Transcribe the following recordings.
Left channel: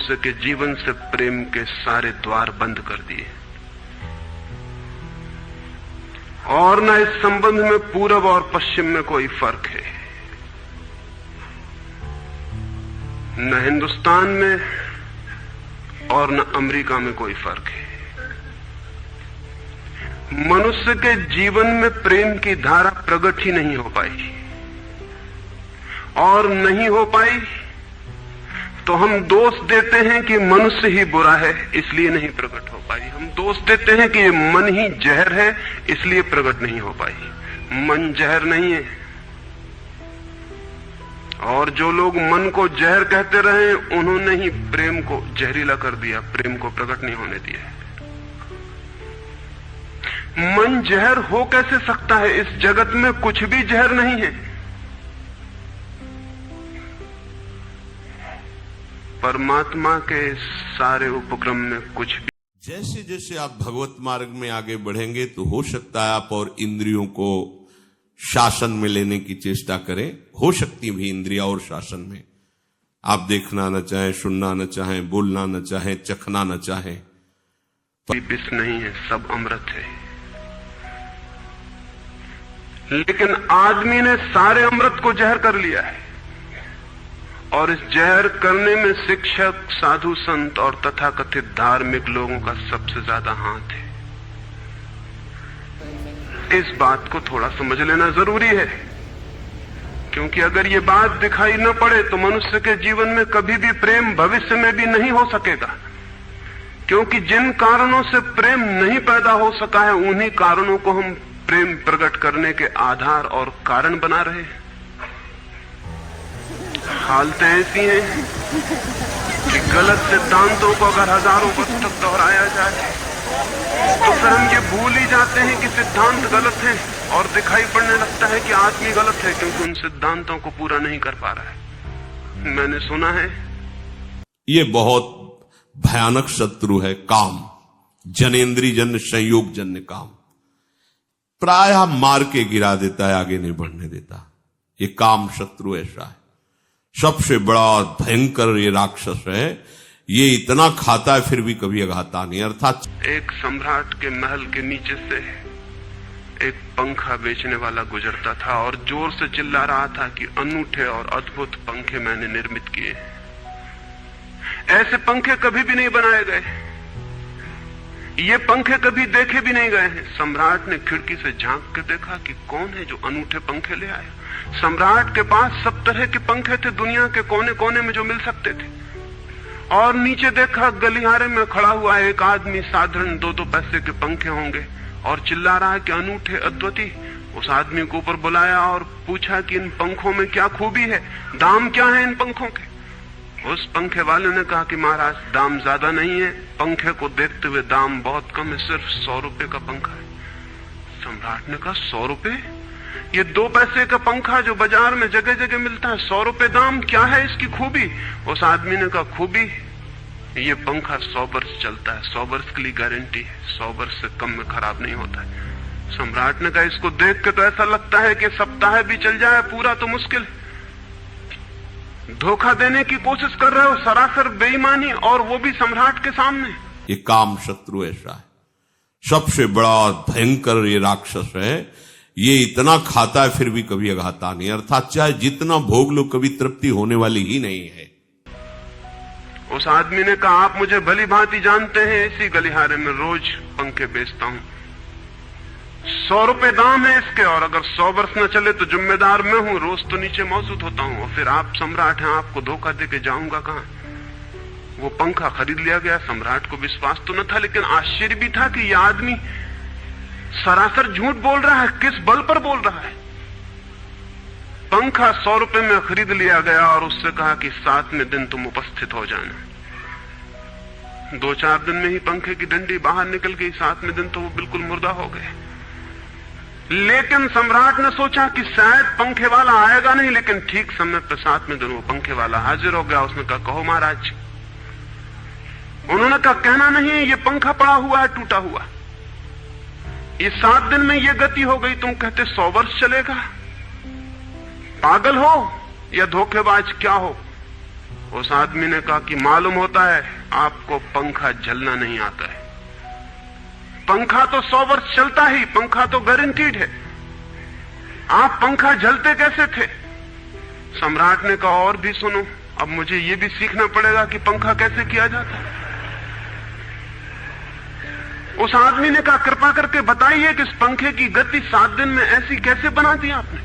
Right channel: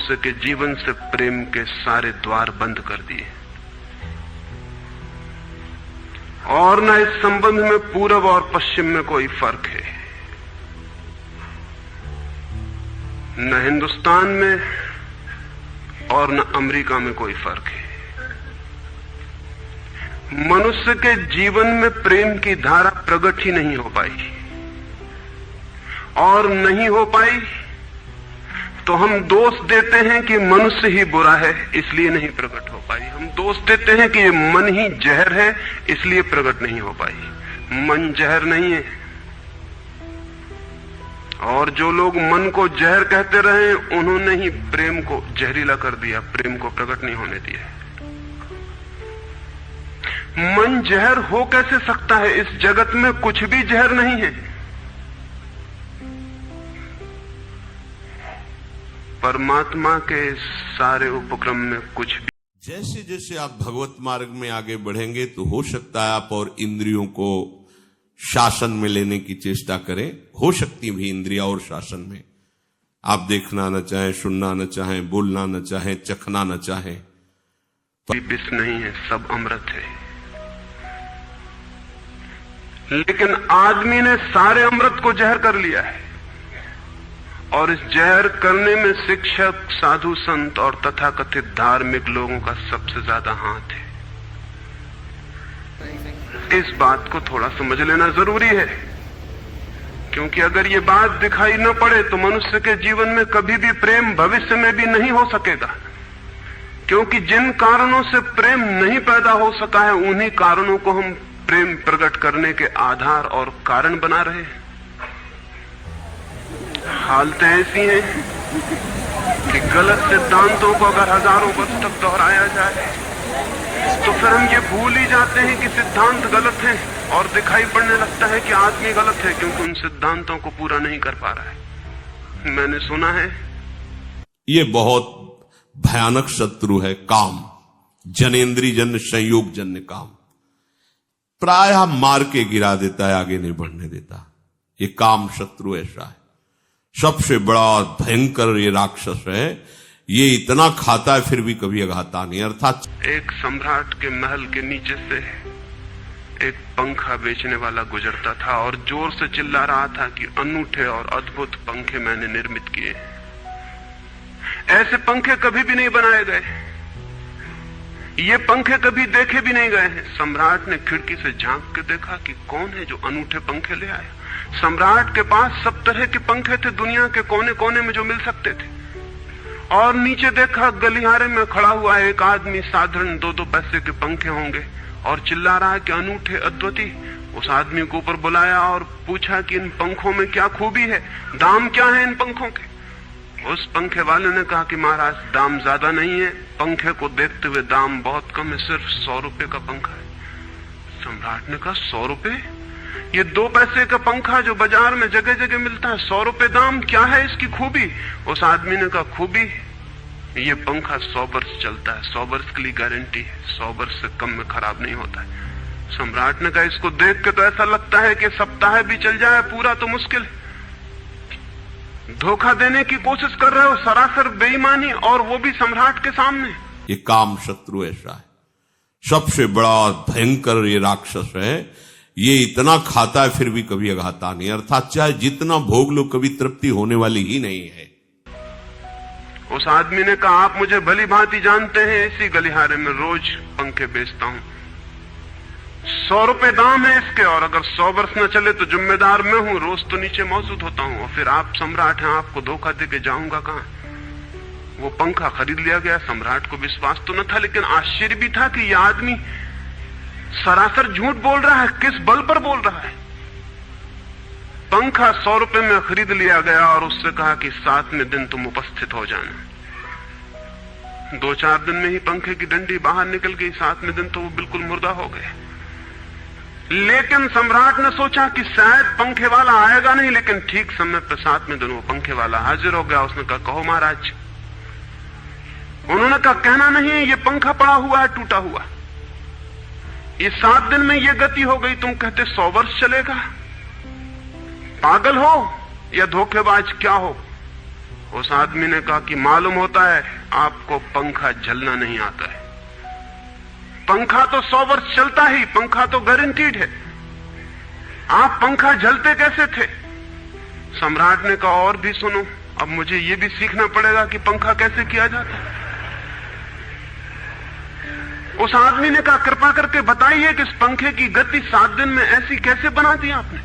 मनुष्य के जीवन से प्रेम के सारे द्वार बंद कर दिए और न इस संबंध में पूरब और पश्चिम में कोई फर्क है, न हिंदुस्तान में और न अमेरिका में कोई फर्क है। मनुष्य के जीवन में प्रेम की धारा प्रकट ही नहीं हो पाई, और नहीं हो पाई तो हम दोष देते हैं कि मनुष्य ही बुरा है इसलिए नहीं प्रकट हो पाई। हम दोष देते हैं कि ये मन ही जहर है इसलिए प्रकट नहीं हो पाई। मन जहर नहीं है, और जो लोग मन को जहर कहते रहे उन्होंने ही प्रेम को जहरीला कर दिया, प्रेम को प्रकट नहीं होने दिया। मन जहर हो कैसे सकता है? इस जगत में कुछ भी जहर नहीं है। परमात्मा के सारे उपक्रम में कुछ भी। जैसे जैसे आप भगवत मार्ग में आगे बढ़ेंगे तो हो सकता है आप और इंद्रियों को शासन में लेने की चेष्टा करें। हो सकती भी इंद्रिया और शासन में आप देखना न चाहें, सुनना न चाहें, बोलना न चाहें, चखना न चाहें। विष नहीं है, सब अमृत है। लेकिन आदमी ने सारे अमृत को जहर कर लिया है, और इस जहर करने में शिक्षक, साधु संत और तथाकथित धार्मिक लोगों का सबसे ज्यादा हाथ है। इस बात को थोड़ा समझ लेना जरूरी है, क्योंकि अगर ये बात दिखाई न पड़े तो मनुष्य के जीवन में कभी भी प्रेम भविष्य में भी नहीं हो सकेगा। क्योंकि जिन कारणों से प्रेम नहीं पैदा हो सका है उन्हीं कारणों को हम प्रेम प्रकट करने के आधार और कारण बना रहे हैं। हालतें ऐसी हैं कि गलत सिद्धांतों को अगर हजारों वर्ष तक दोहराया जाए तो फिर हम ये भूल ही जाते हैं कि सिद्धांत गलत है, और दिखाई पड़ने लगता है कि आदमी गलत है, क्योंकि उन सिद्धांतों को पूरा नहीं कर पा रहा है। मैंने सुना है ये बहुत भयानक शत्रु है काम, जनेन्द्रीय जन्य संयोग जन्य काम। प्रायः मार के गिरा देता है, आगे नहीं बढ़ने देता। ये काम शत्रु ऐसा है, सबसे बड़ा और भयंकर ये राक्षस है। ये इतना खाता है फिर भी कभी अघाता नहीं। अर्थात एक सम्राट के महल के नीचे से एक पंखा बेचने वाला गुजरता था और जोर से चिल्ला रहा था कि अनूठे और अद्भुत पंखे मैंने निर्मित किए। ऐसे पंखे कभी भी नहीं बनाए गए, ये पंखे कभी देखे भी नहीं गए। सम्राट ने खिड़की से झांक के देखा कि कौन है जो अनूठे पंखे ले आया। सम्राट के पास सब तरह के पंखे थे, दुनिया के कोने कोने में जो मिल सकते थे। और नीचे देखा गलियारे में खड़ा हुआ एक आदमी, साधारण 2-2 पैसे के पंखे होंगे, और चिल्ला रहा है कि अनूठे अद्वितीय। उस आदमी को ऊपर बुलाया और पूछा कि इन पंखों में क्या खूबी है, दाम क्या है इन पंखों के। उस पंखे वाले ने कहा कि महाराज दाम ज्यादा नहीं है, पंखे को देखते हुए दाम बहुत कम है, सिर्फ 100 रुपए का पंखा है। सम्राट ने कहा 100 रुपए? ये 2 पैसे का पंखा जो बाजार में जगह जगह मिलता है, 100 रुपए दाम, क्या है इसकी खूबी? उस आदमी ने कहा खूबी ये पंखा 100 वर्ष चलता है, 100 वर्ष के लिए गारंटी है, 100 वर्ष से कम में खराब नहीं होता है। सम्राट ने कहा इसको देख के तो ऐसा लगता है कि सप्ताह भी चल जाए, पूरा तो मुश्किल है। धोखा देने की कोशिश कर रहे हो, सरासर बेईमानी, और वो भी सम्राट के सामने। ये काम शत्रु ऐसा है, सबसे बड़ा और भयंकर ये राक्षस है। ये इतना खाता है फिर भी कभी अघाता नहीं। अर्थात चाहे जितना भोग लो कभी तृप्ति होने वाली ही नहीं है। उस आदमी ने कहा आप मुझे भली भांति जानते हैं, इसी गलियारे में रोज पंखे बेचता हूँ, 100 रुपए दाम है इसके, और अगर 100 वर्ष न चले तो जिम्मेदार मैं हूँ, रोज तो नीचे मौजूद होता हूँ। और फिर आप सम्राट हैं, आपको धोखा देके जाऊंगा कहाँ? वो पंखा खरीद लिया गया। सम्राट को विश्वास तो न था, लेकिन आश्चर्य भी था कि यह आदमी सरासर झूठ बोल रहा है, किस बल पर बोल रहा है। पंखा 100 रुपए में खरीद लिया गया और उससे कहा कि 7वें दिन तुम उपस्थित हो जाना। 2-4 दिन में ही पंखे की डंडी बाहर निकल गई, 7वें दिन तो वो बिल्कुल मुर्दा हो गए। लेकिन सम्राट ने सोचा कि शायद पंखे वाला आएगा नहीं, लेकिन ठीक समय पर 7वें दिन वो पंखे वाला हाजिर हो गया। उसने कहा कहो महाराज। उन्होंने कहा कहना नहीं है, ये पंखा पड़ा हुआ है, टूटा हुआ। ये 7 दिन में ये गति हो गई, तुम कहते 100 वर्ष चलेगा? पागल हो या धोखेबाज क्या हो? उस आदमी ने कहा कि मालूम होता है आपको पंखा चलना नहीं आता है। पंखा तो 100 वर्ष चलता ही, पंखा तो गारंटीड है। आप पंखा झलते कैसे थे? सम्राट ने कहा और भी सुनो, अब मुझे ये भी सीखना पड़ेगा कि पंखा कैसे किया जाता है। उस आदमी ने कहा कृपा करके बताइए कि इस पंखे की गति 7 दिन में ऐसी कैसे बना दी आपने,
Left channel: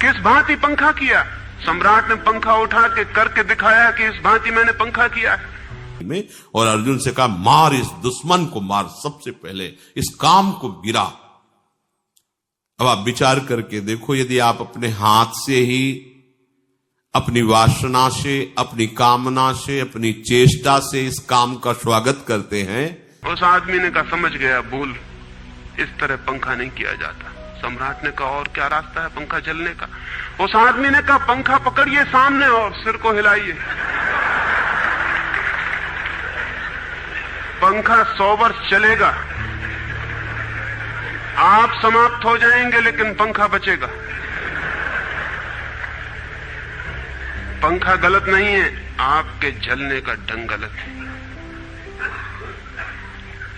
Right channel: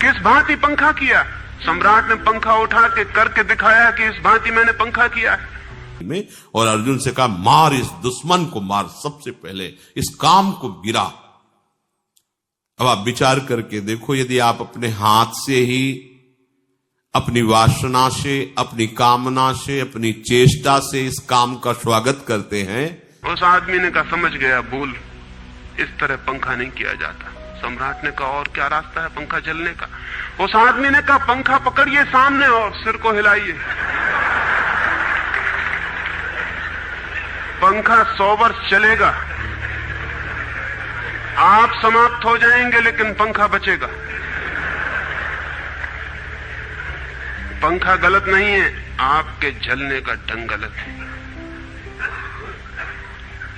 किस भांति पंखा किया? सम्राट ने पंखा उठा के करके दिखाया कि इस भांति मैंने पंखा किया है। में और अर्जुन से कहा मार इस दुश्मन को, मार, सबसे पहले इस काम को गिरा। अब आप विचार करके देखो, यदि आप अपने हाथ से ही अपनी वासना से, अपनी कामना से, अपनी चेष्टा से इस काम का स्वागत करते हैं। उस आदमी ने कहा समझ गया, बोल, इस तरह पंखा नहीं किया जाता। सम्राट ने कहा और क्या रास्ता है पंखा चलने का? उस आदमी ने कहा पंखा पकड़िए सामने और सिर को हिलाइए। पंखा 100 वर्ष चलेगा, आप समाप्त हो जाएंगे लेकिन पंखा बचेगा। पंखा गलत नहीं है, आपके चलने का ढंग गलत है।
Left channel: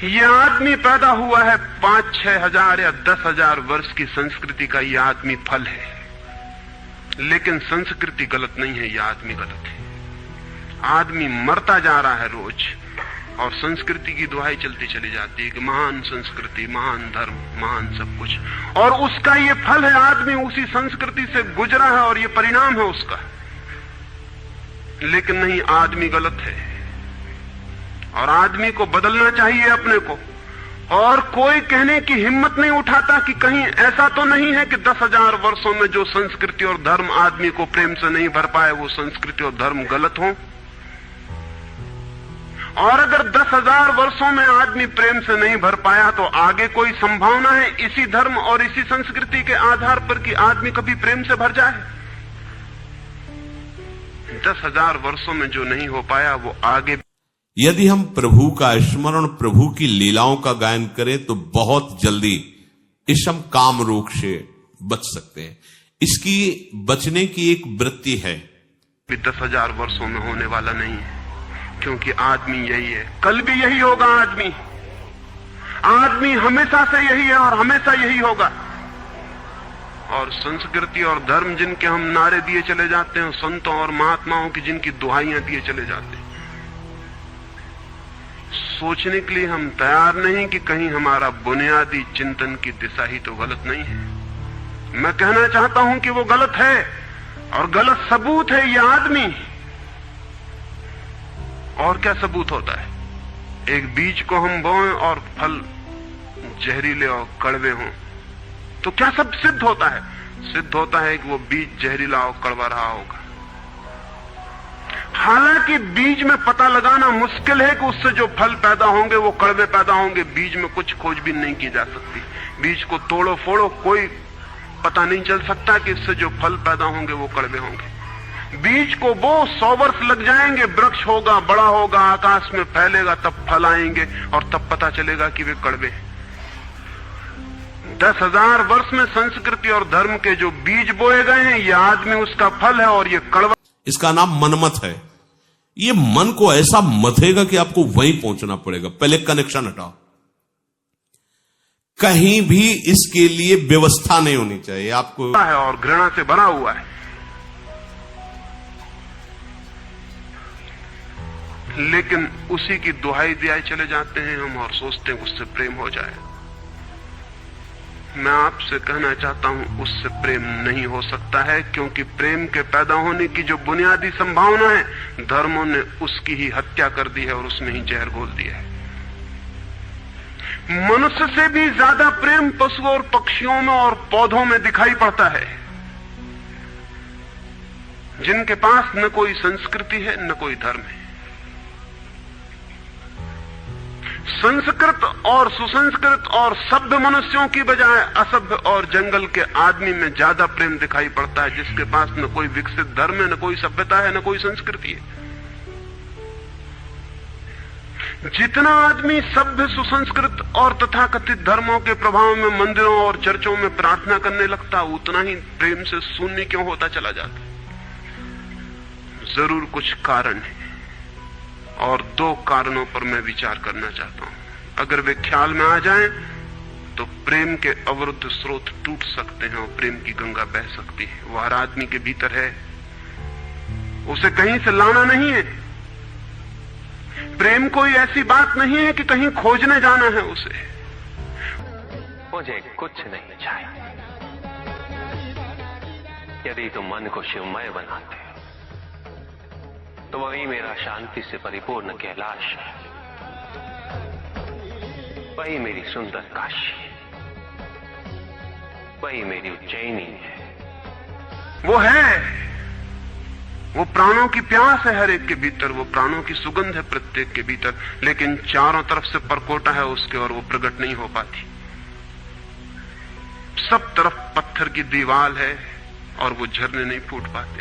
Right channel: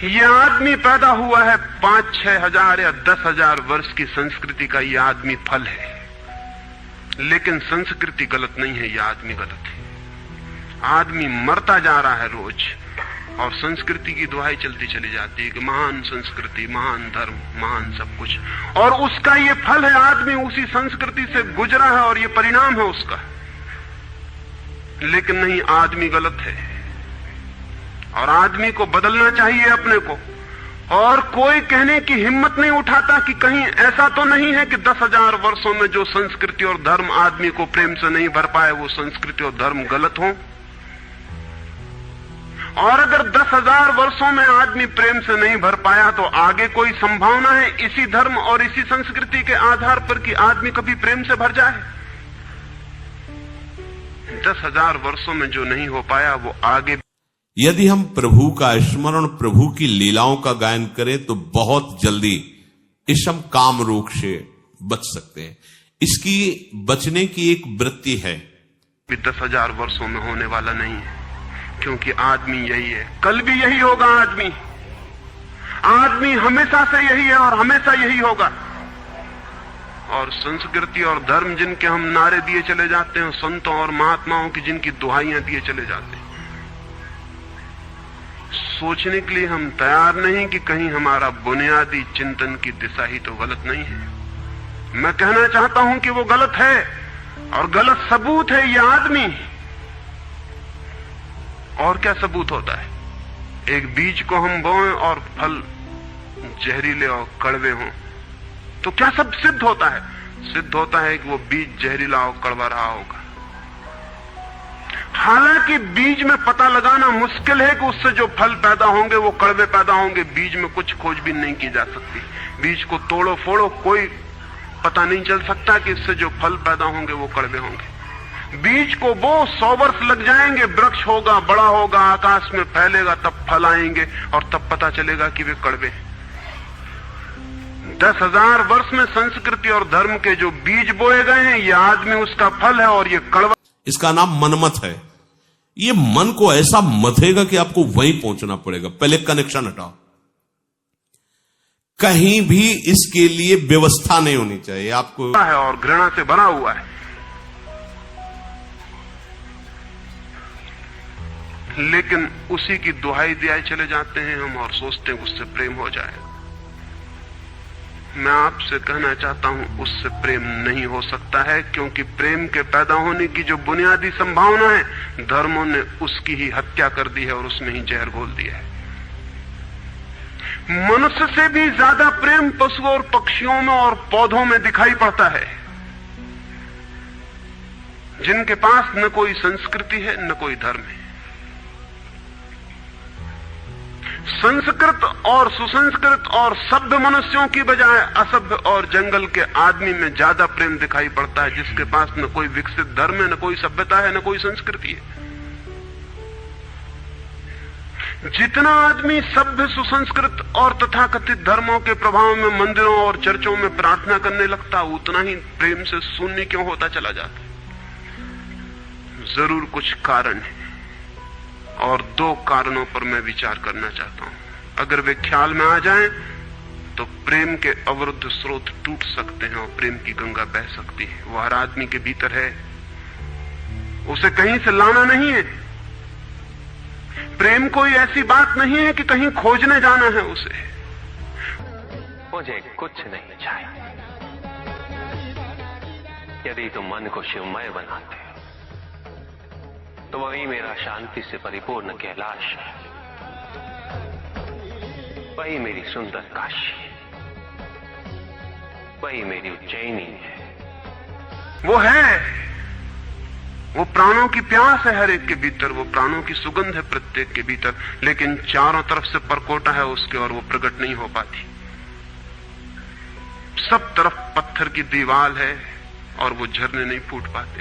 ये आदमी पैदा हुआ है 5-6 हजार या 10 हजार वर्ष की संस्कृति का, ये आदमी फल है, लेकिन संस्कृति गलत नहीं है, ये आदमी गलत है। आदमी मरता जा रहा है रोज और संस्कृति की दुहाई चलती चली जाती है कि महान संस्कृति, महान धर्म, महान सब कुछ, और उसका ये फल है। आदमी उसी संस्कृति से गुजरा है और ये परिणाम है उसका। लेकिन नहीं, आदमी गलत है और आदमी को बदलना चाहिए अपने को। और कोई कहने की हिम्मत नहीं उठाता कि कहीं ऐसा तो नहीं है कि 10,000 वर्षों में जो संस्कृति और धर्म आदमी को प्रेम से नहीं भर पाए, वो संस्कृति और धर्म गलत हो। और अगर 10,000 वर्षों में आदमी प्रेम से नहीं भर पाया तो आगे कोई संभावना है इसी धर्म और इसी संस्कृति के आधार पर कि आदमी कभी प्रेम से भर जाए? 10,000 वर्षों में जो नहीं हो पाया वो आगे। यदि हम प्रभु का स्मरण, प्रभु की लीलाओं का गायन करें तो बहुत जल्दी इस हम काम रोग से बच सकते हैं। इसकी बचने की एक वृत्ति है। 10,000 वर्षों में होने वाला नहीं है, क्योंकि आदमी यही है, कल भी यही होगा। आदमी हमेशा से यही है और हमेशा यही होगा। और संस्कृति और धर्म जिनके हम नारे दिए चले जाते हैं, संतों और महात्माओं की जिनकी दुहाइयां दिए चले जाते हैं, सोचने के लिए हम तैयार नहीं कि कहीं हमारा बुनियादी चिंतन की दिशा ही तो गलत नहीं है। मैं कहना चाहता हूं कि वो गलत है और गलत सबूत है ये आदमी। और क्या सबूत होता है? एक बीज को हम बोएं और फल जहरीले और कड़वे हों तो क्या सब सिद्ध होता है? सिद्ध होता है कि वो बीज जहरीला और कड़वा रहा होगा। हालांकि बीज में पता लगाना मुश्किल है कि उससे जो फल पैदा होंगे वो कड़वे पैदा होंगे। बीज में कुछ खोजबीन नहीं की जा सकती। बीज को तोड़ो फोड़ो, कोई पता नहीं चल सकता कि इससे जो फल पैदा होंगे वो कड़वे होंगे। बीज को वो 100 वर्ष लग जाएंगे, वृक्ष होगा, बड़ा होगा, आकाश में फैलेगा, तब फल आएंगे और तब पता चलेगा कि वे कड़वे हैं। 10,000 वर्ष में संस्कृति और धर्म के जो बीज बोए गए हैं, ये आदमी उसका फल है और ये कड़वा। इसका नाम मनमत है। ये मन को ऐसा मथेगा कि आपको वहीं पहुंचना पड़ेगा। पहले कनेक्शन हटाओ, कहीं भी इसके लिए व्यवस्था नहीं होनी चाहिए आपको है और घृणा से भरा हुआ है। लेकिन उसी की दुहाई दिए चले जाते हैं हम और सोचते हैं उससे प्रेम हो जाए। मैं आपसे कहना चाहता हूं उससे प्रेम नहीं हो सकता है, क्योंकि प्रेम के पैदा होने की जो बुनियादी संभावना है, धर्मों ने उसकी ही हत्या कर दी है और उसमें ही जहर घोल दिया है। मनुष्य से भी ज्यादा प्रेम पशु और पक्षियों में और पौधों में दिखाई पड़ता है, जिनके पास न कोई संस्कृति है न कोई धर्म है। संस्कृत और सुसंस्कृत और सभ्य मनुष्यों की बजाय असभ्य और जंगल के आदमी में ज्यादा प्रेम दिखाई पड़ता है, जिसके पास न कोई विकसित धर्म है, न कोई सभ्यता है, न कोई संस्कृति है। जितना आदमी सभ्य, सुसंस्कृत और तथाकथित धर्मों के प्रभाव में मंदिरों और चर्चों में प्रार्थना करने लगता, उतना ही प्रेम से शून्य क्यों होता चला जाता। जरूर कुछ कारण है, और 2 कारणों पर मैं विचार करना चाहता हूं। अगर वे ख्याल में आ जाएं तो प्रेम के अवरुद्ध स्रोत टूट सकते हैं और प्रेम की गंगा बह सकती है। वो हर आदमी के भीतर है, उसे कहीं से लाना नहीं है। प्रेम कोई ऐसी बात नहीं है कि कहीं खोजने जाना है उसे। मुझे कुछ नहीं चाहिए। यदि तुम मन को शिवमय बनाते हो तो वही मेरा शांति से परिपूर्ण कैलाश है, वही मेरी सुंदर काशी है, वही मेरी उज्जैनी है। वो प्राणों की प्यास है हर एक के भीतर, वो प्राणों की सुगंध है प्रत्येक के भीतर, लेकिन चारों तरफ से परकोटा है उसके और वो प्रकट नहीं हो पाती। सब तरफ पत्थर की दीवार है और वो झरने नहीं फूट पाते।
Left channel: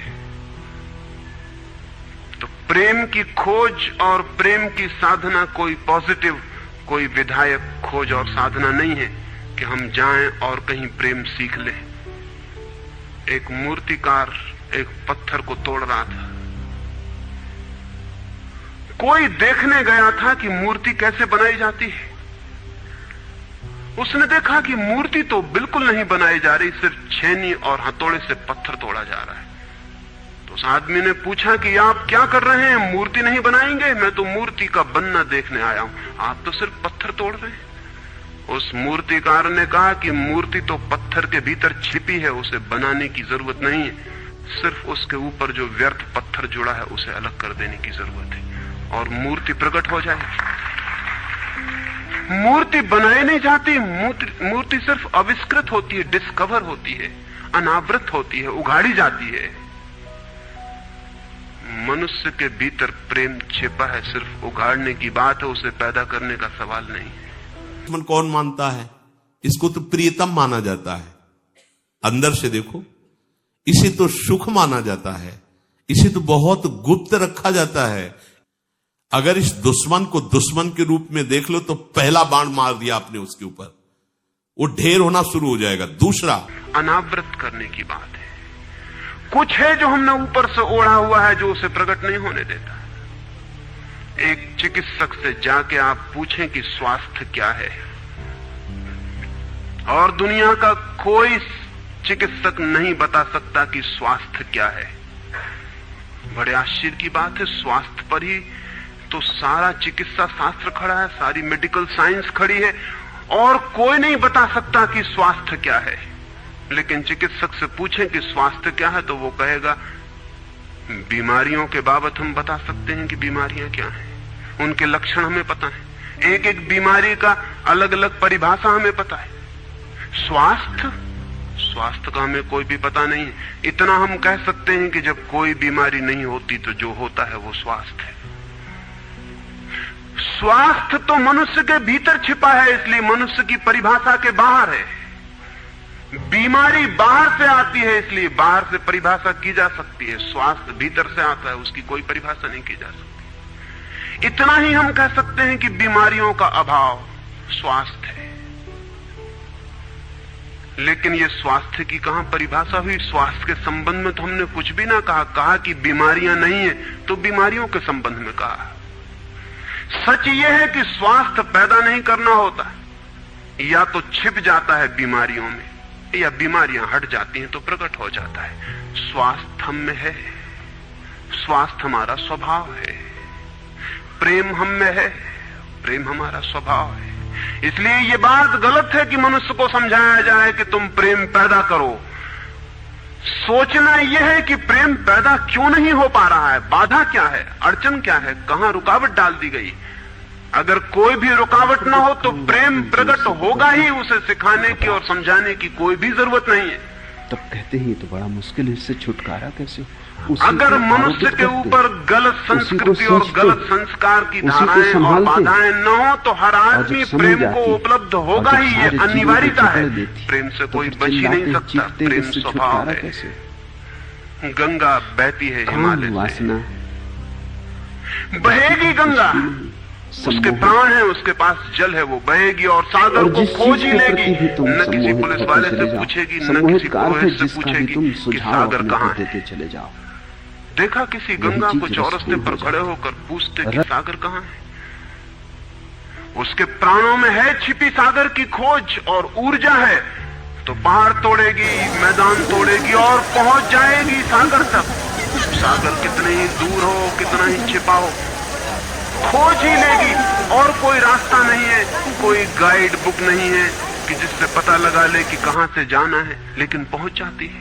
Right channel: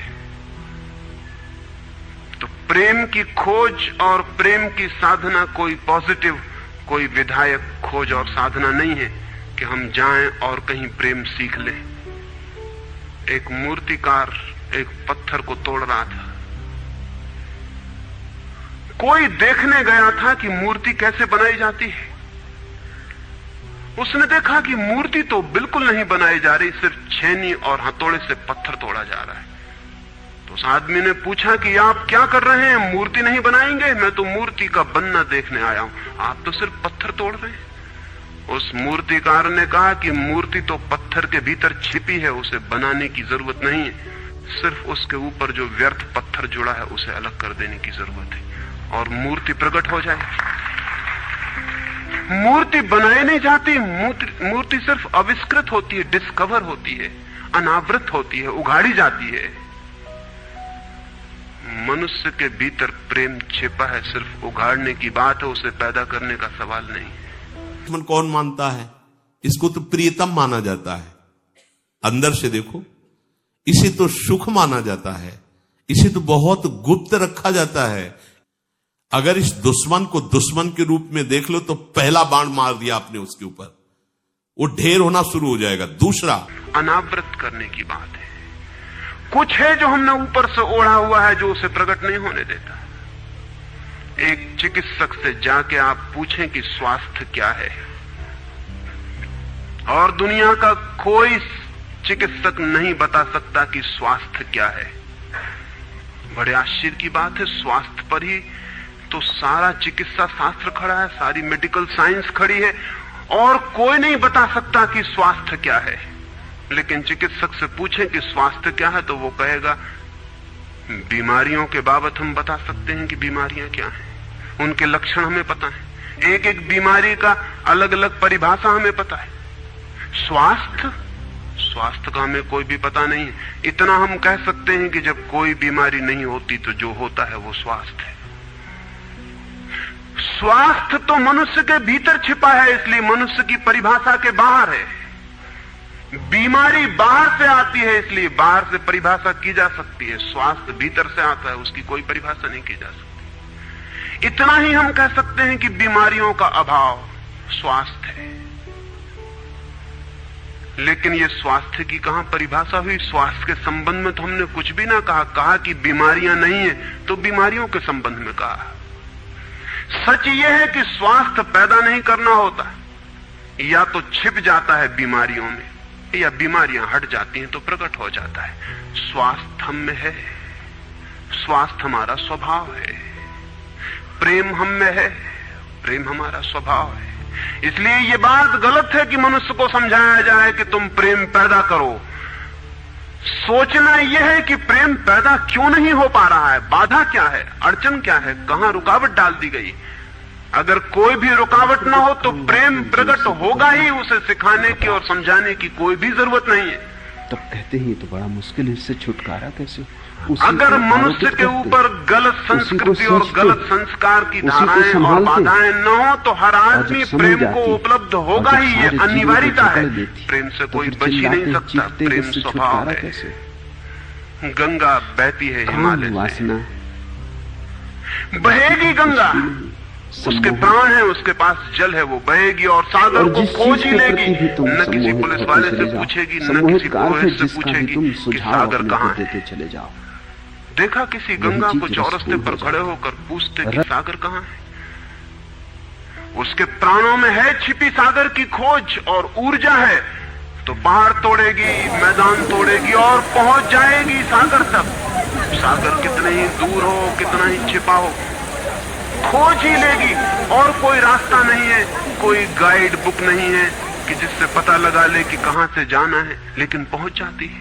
तो प्रेम की खोज और प्रेम की साधना कोई पॉजिटिव, कोई विधायक खोज और साधना नहीं है कि हम जाएं और कहीं प्रेम सीख लें। एक मूर्तिकार एक पत्थर को तोड़ रहा था, कोई देखने गया था कि मूर्ति कैसे बनाई जाती है। उसने देखा कि मूर्ति तो बिल्कुल नहीं बनाई जा रही, सिर्फ छेनी और हथौड़े से पत्थर तोड़ा जा रहा है। तो उस आदमी ने पूछा कि आप क्या कर रहे हैं, मूर्ति नहीं बनाएंगे? मैं तो मूर्ति का बनना देखने आया हूं, आप तो सिर्फ पत्थर तोड़ रहे हैं। उस मूर्तिकार ने कहा कि मूर्ति तो पत्थर के भीतर छिपी है, उसे बनाने की जरूरत नहीं है, सिर्फ उसके ऊपर जो व्यर्थ पत्थर जुड़ा है उसे अलग कर देने की जरूरत है और मूर्ति प्रकट हो जाएगी। मूर्ति बनाई नहीं जाती, मूर्ति सिर्फ आविष्कृत होती है, डिस्कवर होती है, अनावृत होती है, उगाड़ी जाती है। मनुष्य के भीतर प्रेम छिपा है, सिर्फ उगाड़ने की बात है, उसे पैदा करने का सवाल नहीं है। मन कौन मानता है? इसको तो प्रियतम माना जाता है। अंदर से देखो, इसे तो सुख माना जाता है, इसे तो बहुत गुप्त रखा जाता है। अगर इस दुश्मन को दुश्मन के रूप में देख लो तो पहला बाण मार दिया आपने उसके ऊपर, वो ढेर होना शुरू हो जाएगा। दूसरा, अनावृत करने की बात है। कुछ है जो हमने ऊपर से ओढ़ा हुआ है, जो उसे प्रकट नहीं होने देता। एक चिकित्सक से जाके आप पूछें कि स्वास्थ्य क्या है, और दुनिया का कोई चिकित्सक नहीं बता सकता कि स्वास्थ्य क्या है। बड़े आश्चर्य की बात है, स्वास्थ्य पर ही तो सारा चिकित्सा शास्त्र खड़ा है, सारी मेडिकल साइंस खड़ी है, और कोई नहीं बता सकता कि स्वास्थ्य क्या है। लेकिन चिकित्सक से पूछें कि स्वास्थ्य क्या है तो वो कहेगा बीमारियों के बाबत हम बता सकते हैं कि बीमारियां क्या हैं, उनके लक्षण हमें पता है, एक एक बीमारी का अलग अलग परिभाषा हमें पता है। स्वास्थ्य का हमें कोई भी पता नहीं है। इतना हम कह सकते हैं कि जब कोई बीमारी नहीं होती तो जो होता है वो स्वास्थ्य है। स्वास्थ्य तो मनुष्य के भीतर छिपा है, इसलिए मनुष्य की परिभाषा के बाहर है। बीमारी बाहर से आती है, इसलिए बाहर से परिभाषा की जा सकती है। स्वास्थ्य भीतर से आता है, उसकी कोई परिभाषा नहीं की जा सकती। इतना ही हम कह सकते हैं कि बीमारियों का अभाव स्वास्थ्य है। लेकिन ये स्वास्थ्य की कहां परिभाषा हुई? स्वास्थ्य के संबंध में तो हमने कुछ भी ना कहा कि बीमारियां नहीं है, तो बीमारियों के संबंध में कहा। सच ये है कि स्वास्थ्य पैदा नहीं करना होता, या तो छिप जाता है बीमारियों में, या बीमारियां हट जाती हैं तो प्रकट हो जाता है। स्वास्थ्य हम में है, स्वास्थ्य हमारा स्वभाव है, प्रेम हम में है, प्रेम हमारा स्वभाव है। इसलिए ये बात गलत है कि मनुष्य को समझाया जाए कि तुम प्रेम पैदा करो। सोचना यह है कि प्रेम पैदा क्यों नहीं हो पा रहा है, बाधा क्या है, अड़चन क्या है, कहां रुकावट डाल दी गई। अगर कोई भी रुकावट ना हो तो प्रेम प्रकट होगा ही। उसे सिखाने की और समझाने की कोई भी जरूरत नहीं है। तब कहते हैं तो बड़ा मुश्किल है, इससे छुटकारा कैसे? उसी को आरोपित करते, उसी को सोचते, उसी को संभालते, और जब समझ जाती और जब सारे जीवन को जकड़ देती तो फिर चिल्लाते चीखते कि इससे छुटकारा कैसे? गंगा बहती है, काम वासना बहेगी गंगा, उसके प्राण है, उसके पास जल है, वो बहेगी और सागर। और जिस चीज के प्रति भी तुम सम्मोहित होते चले जाओ, सम्मोहित का अर्थ है जिसका भी तुम सुझाव अपने को देते चले जाओ। देखा किसी इसी वही गंगा चीज को चौरस्ते रसपूर्ण हो पर खड़े जाती। होकर पूछते कि सागर कहाँ है। उसके प्राणों में है छिपी सागर की खोज और ऊर्जा है, तो पहाड़ तोड़ेगी, मैदान तोड़ेगी और पहुंच जाएगी सागर तक। सागर कितना ही दूर हो, कितना ही छिपा हो, खोज ही लेगी। और कोई रास्ता नहीं है, कोई गाइड बुक नहीं है कि जिससे पता लगा ले कि कहां से जाना है, लेकिन पहुंच जाती है।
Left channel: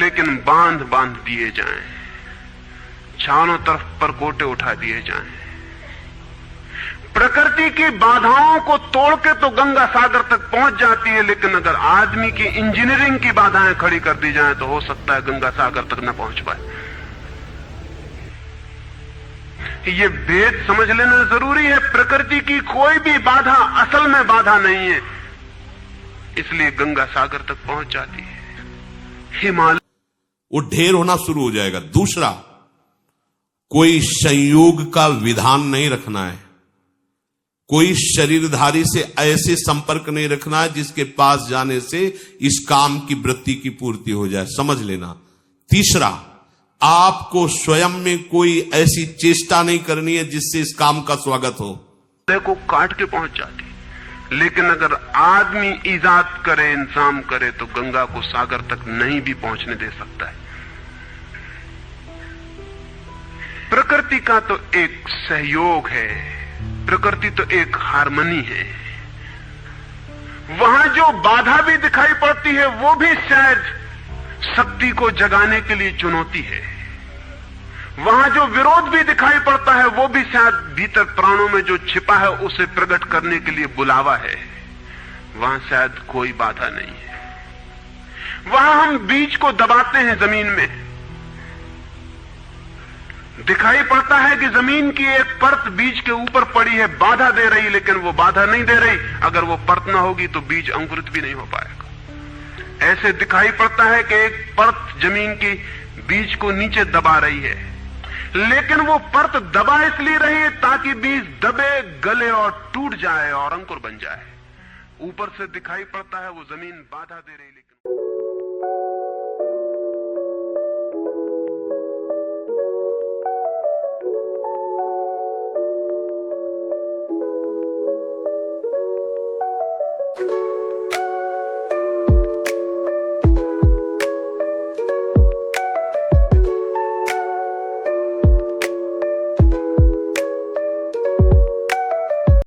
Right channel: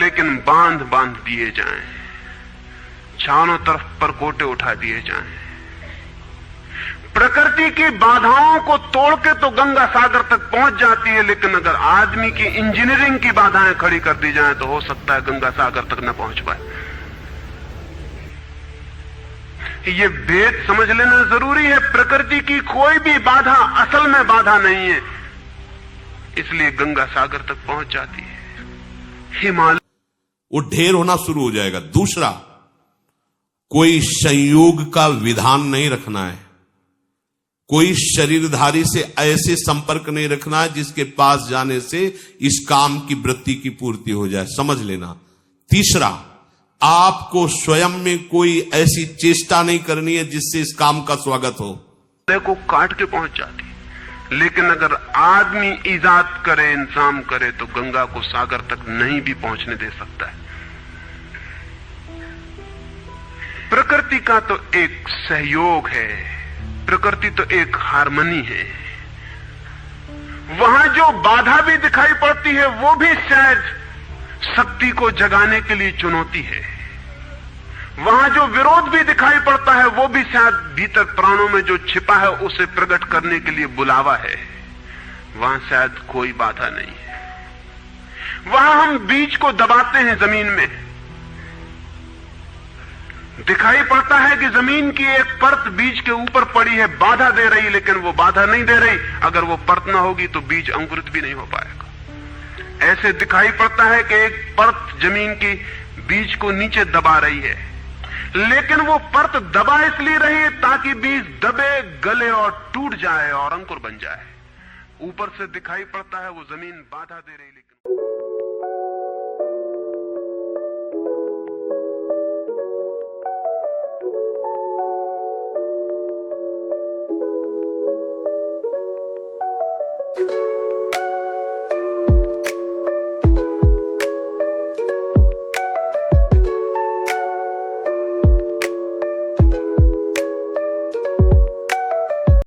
लेकिन बांध दिए जाएं, चारों तरफ परकोटे उठा दिए जाएं, प्रकृति की बाधाओं को तोड़ के तो गंगा सागर तक पहुंच जाती है, लेकिन अगर आदमी की इंजीनियरिंग की बाधाएं खड़ी कर दी जाएं तो हो सकता है गंगा सागर तक न पहुंच पाए। ये भेद समझ लेना जरूरी है। प्रकृति की कोई भी बाधा असल में बाधा नहीं है, इसलिए गंगा सागर तक पहुंच जाती है। हिमालय वो ढेर होना शुरू हो जाएगा। दूसरा, कोई संयोग का विधान नहीं रखना है, कोई शरीरधारी से ऐसे संपर्क नहीं रखना है जिसके पास जाने से इस काम की वृत्ति की पूर्ति हो जाए, समझ लेना। तीसरा, आपको स्वयं में कोई ऐसी चेष्टा नहीं करनी है जिससे इस काम का स्वागत हो। को काट के पहुंच जाती, लेकिन अगर आदमी ईजाद करे, इंतजाम करे, तो गंगा को सागर तक नहीं भी पहुंचने दे सकता है। प्रकृति का तो एक सहयोग है, प्रकृति तो एक हार्मनी है। वहां जो बाधा भी दिखाई पड़ती है वो भी शायद शक्ति को जगाने के लिए चुनौती है। वहां जो विरोध भी दिखाई पड़ता है वो भी शायद भीतर प्राणों में जो छिपा है उसे प्रकट करने के लिए बुलावा है। वहां शायद कोई बाधा नहीं है। वहां हम बीज को दबाते हैं जमीन में, दिखाई पड़ता है कि जमीन की एक परत बीज के ऊपर पड़ी है, बाधा दे रही, लेकिन वो बाधा नहीं दे रही। अगर वो परत ना होगी तो बीज अंकुरित भी नहीं हो पाएगा। ऐसे दिखाई पड़ता है कि एक परत जमीन की बीज को नीचे दबा रही है, लेकिन वो परत दबा इसलिए रही है ताकि बीज दबे, गले और टूट जाए और अंकुर बन जाए। ऊपर से दिखाई पड़ता है वो जमीन बाधा दे रही, लेकिन